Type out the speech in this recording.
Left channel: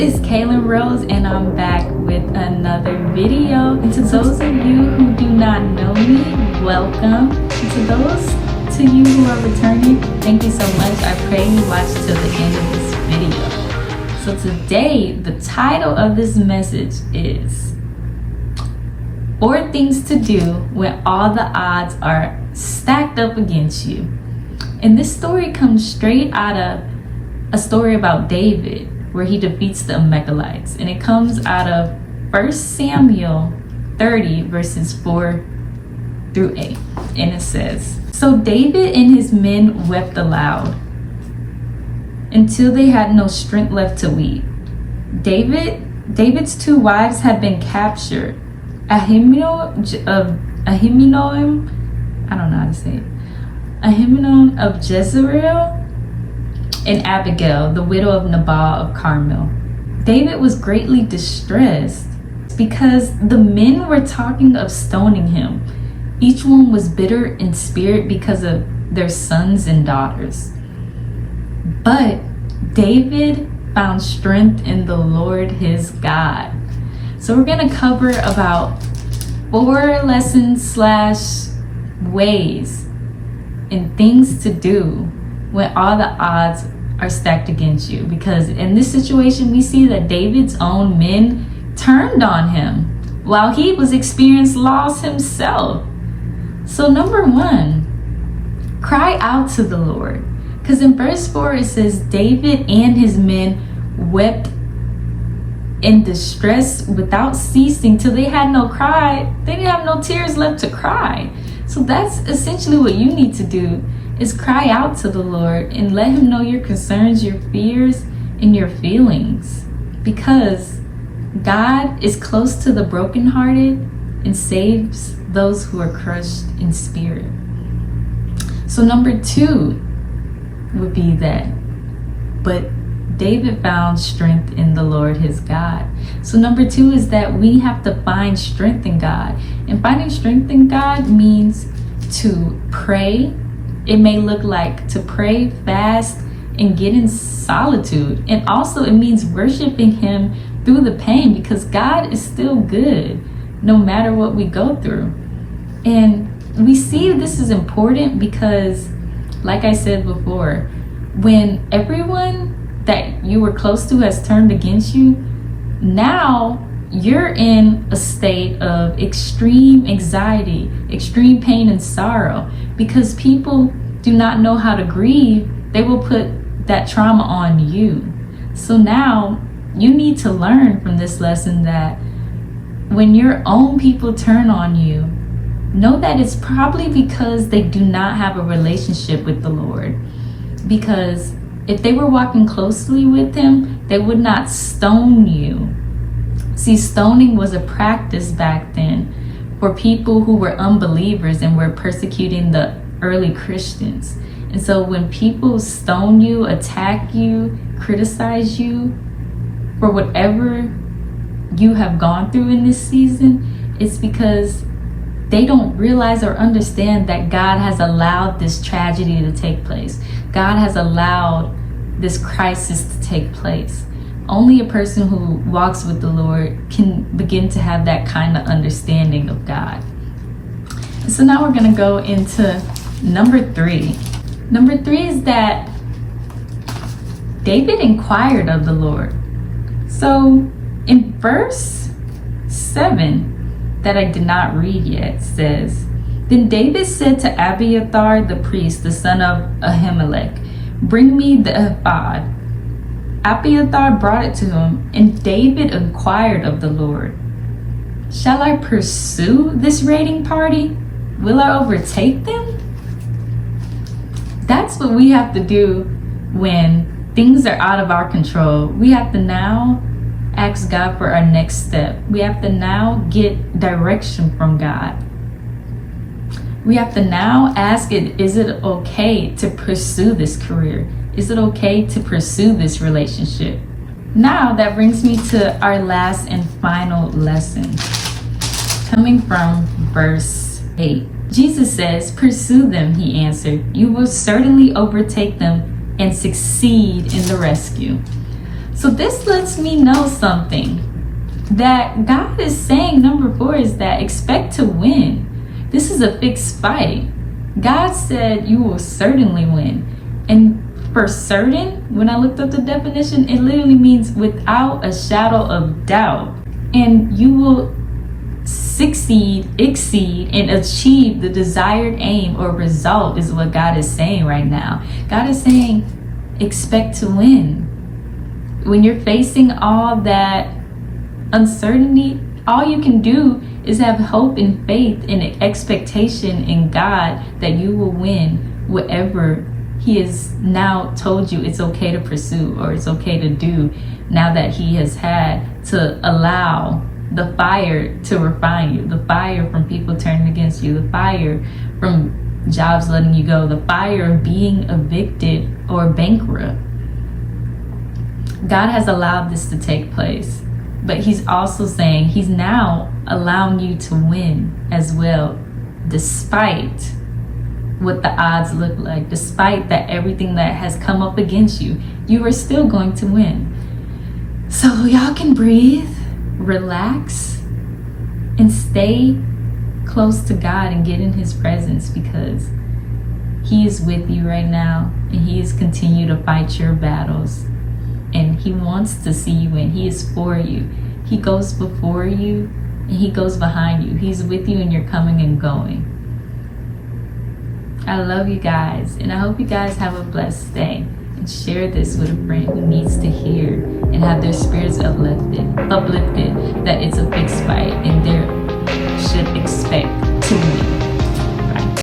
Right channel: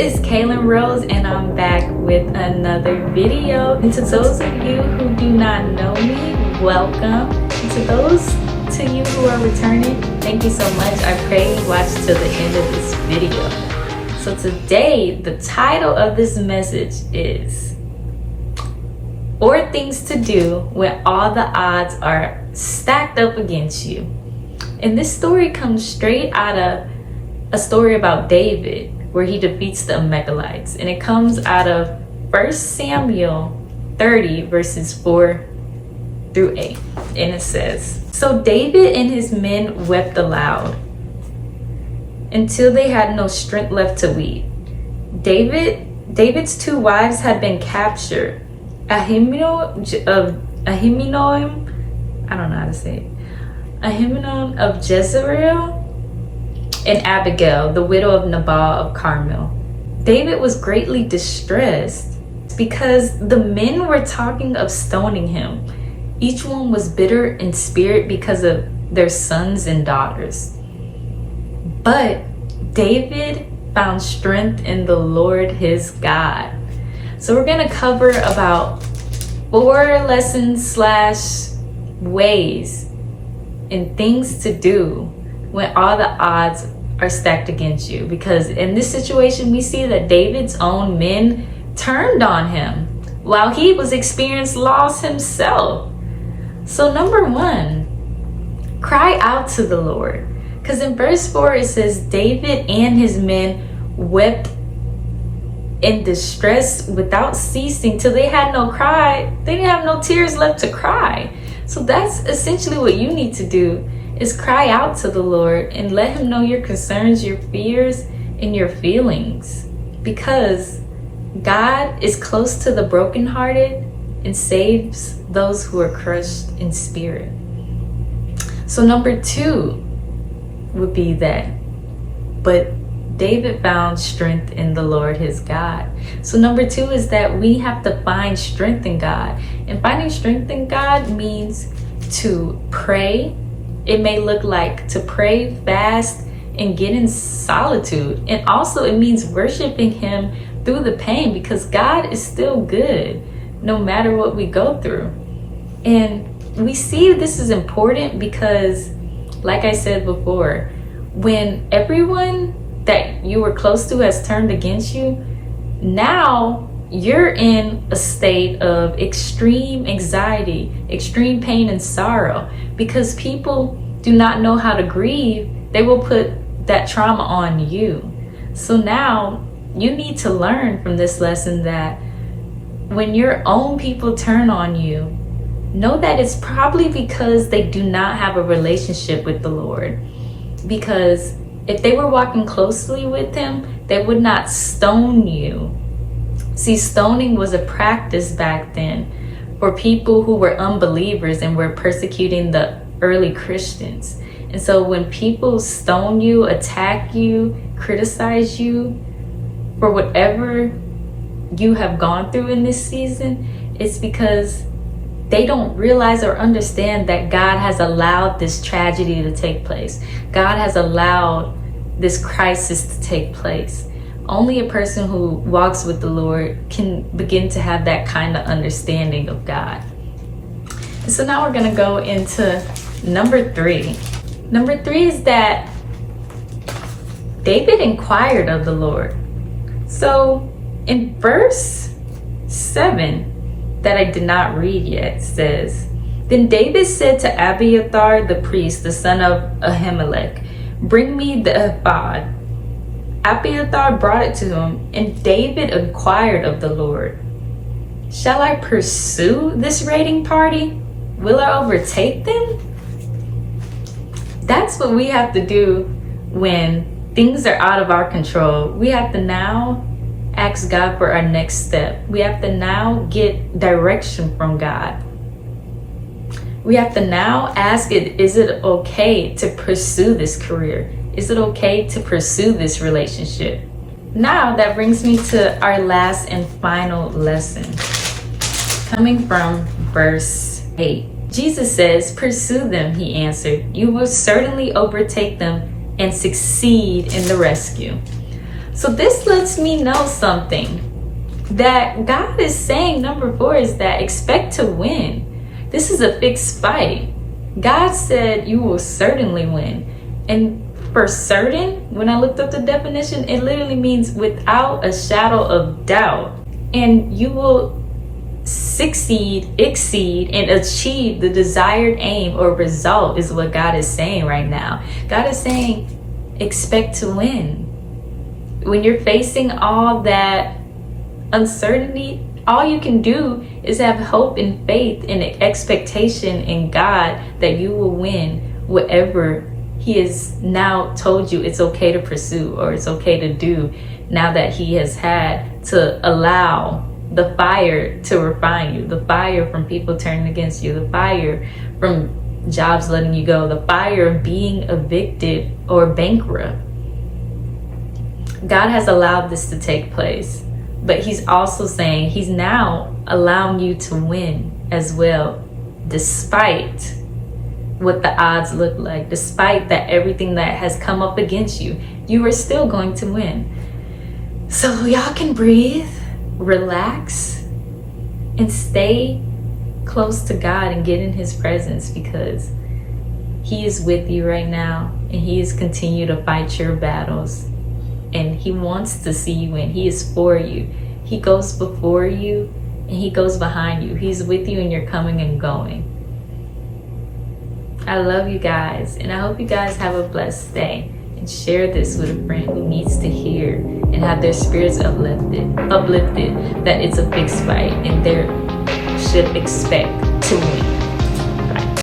is Kaylin Rose, and I'm back with another video. And to those of you who do not know me, welcome. And to those to you who are returning, thank you so much. I pray you watch till the end of this video. So today, the title of this message is "Or Things to Do When All the Odds Are Stacked Up Against You." And this story comes straight out of a story about David, where he defeats the amakalites. And it comes out of 1 Samuel 30 verses 4 through 8. And it says, "So David and his men wept aloud until they had no strength left to weep. David's two wives had been captured, Ahinoam of Jezreel, and Abigail, the widow of Nabal of Carmel. David was greatly distressed because the men were talking of stoning him. Each one was bitter in spirit because of their sons and daughters. But David found strength in the Lord his God." So we're going to cover about 4 lessons / ways and things to do when all the odds are stacked against you. Because in this situation, we see that David's own men turned on him while he was experiencing loss himself. So number 1, cry out to the Lord. Because in verse 4, it says, David and his men wept in distress without ceasing till they had no cry. They didn't have no tears left to cry. So that's essentially what you need to do, is cry out to the Lord and let him know your concerns, your fears, and your feelings. Because God is close to the brokenhearted and saves those who are crushed in spirit. So number 2 would be that, but David found strength in the Lord his God. So number 2 is that we have to find strength in God. And finding strength in God means to pray. It may look like to pray, fast, and get in solitude. And also it means worshiping him through the pain, because God is still good no matter what we go through. And we see this is important because, like I said before, when everyone that you were close to has turned against you, now you're in a state of extreme anxiety, extreme pain and sorrow. Because people do not know how to grieve, they will put that trauma on you. So now you need to learn from this lesson that when your own people turn on you, know that it's probably because they do not have a relationship with the Lord. Because if they were walking closely with him, they would not stone you. See, stoning was a practice back then for people who were unbelievers and were persecuting the early Christians. And so when people stone you, attack you, criticize you for whatever you have gone through in this season, it's because they don't realize or understand that God has allowed this tragedy to take place. God has allowed this crisis to take place. Only a person who walks with the Lord can begin to have that kind of understanding of God. And so now we're going to go into number 3. Number 3 is that David inquired of the Lord. So in verse 7 that I did not read yet says, "Then David said to Abiathar the priest, the son of Ahimelek, 'Bring me the ephod.' Abiathar brought it to him, and David inquired of the Lord, 'Shall I pursue this raiding party? Will I overtake them?'" That's what we have to do when things are out of our control. We have to now ask God for our next step. We have to now get direction from God. We have to now ask it, is it okay to pursue this career? Is it okay to pursue this relationship? Now that brings me to our last and final lesson, coming from verse 8. Jesus says, "Pursue them," he answered. "You will certainly overtake them and succeed in the rescue." So this lets me know something. That God is saying, number 4, is that expect to win. This is a fixed fight. God said you will certainly win. And for certain, when I looked up the definition, it literally means without a shadow of doubt. And you will succeed, exceed, and achieve the desired aim or result is what God is saying right now. God is saying, expect to win. When you're facing all that uncertainty, all you can do is have hope and faith and expectation in God that you will win whatever He has now told you it's okay to pursue or it's okay to do, now that He has had to allow the fire to refine you, the fire from people turning against you, the fire from jobs letting you go, the fire of being evicted or bankrupt. God has allowed this to take place, but He's also saying He's now allowing you to win as well, despite what the odds look like, despite that everything that has come up against you, you are still going to win. So y'all can breathe, relax, and stay close to God and get in His presence, because He is with you right now and He is continue to fight your battles, and He wants to see you win. He is for you. He goes before you and He goes behind you. He's with you in your coming and going. I love you guys, and I hope you guys have a blessed day, and share this with a friend who needs to hear and have their spirits uplifted, that it's a fixed fight and they should expect to win.